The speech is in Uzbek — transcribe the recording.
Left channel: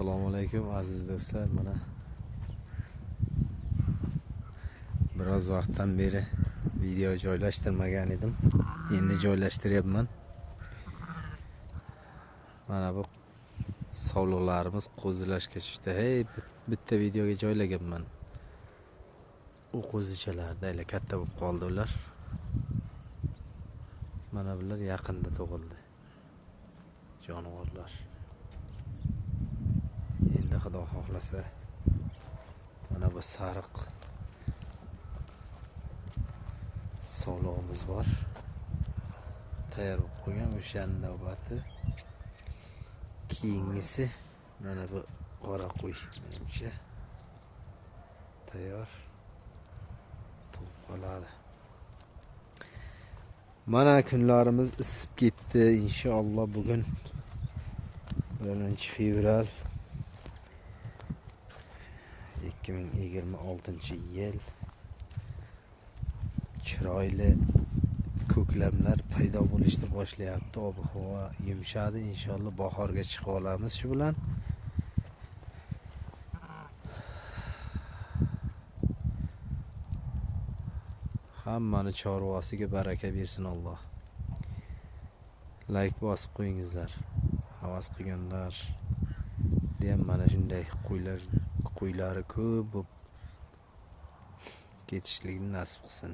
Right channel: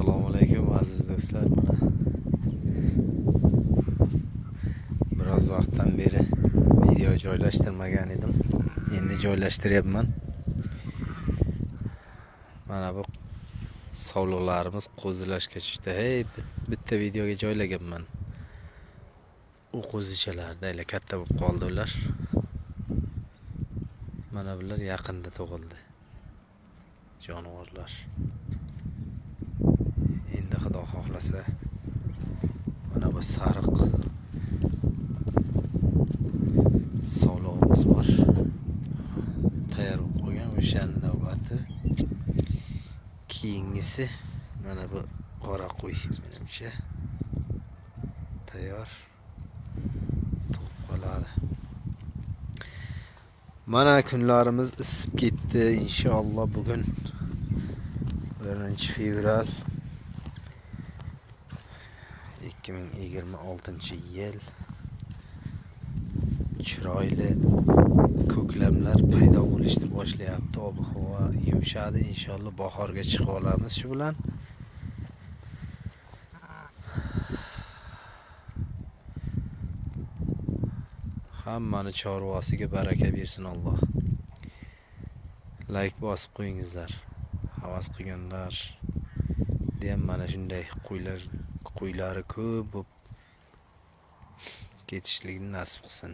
Assalomu alaykum aziz do'stlar. Mana biroz vaqtdan beri video joylashtirmagan edim. Endi joylashtiryapman. Mana bu sovliqlarimiz qo'zilashga tushdi. Hey, bitta videoga joylaganman. U qo'zichalarda ila katta bo'lib qoldi ular. Mana bular yaqinda tug'ildi. Jonivorlar. Endi Xudo xohlasa mana bu sariq sovlig'imiz bor. Tayyor bo'lib qolgan o'shaning navbati. Keyingisi mana bu qora qo'y menimcha tayyor tug'ib qoladi. Mana kunlarimiz isib ketdi. Inshaalloh bugun 1-fevral 2026-yil. Chiroyli ko'klamlar paydo bo'lishni boshlayapti. Ob-havo yumshadi. Inshaalloh bahorga chiqib olamiz shu bilan. Hammani chorvasiga baraka bersin Alloh. Like bosib qo'yingizlar. Havas qilganlar deyam mana shunday qo'ylari ko'p bo'lib ketishligini nasib qilsin.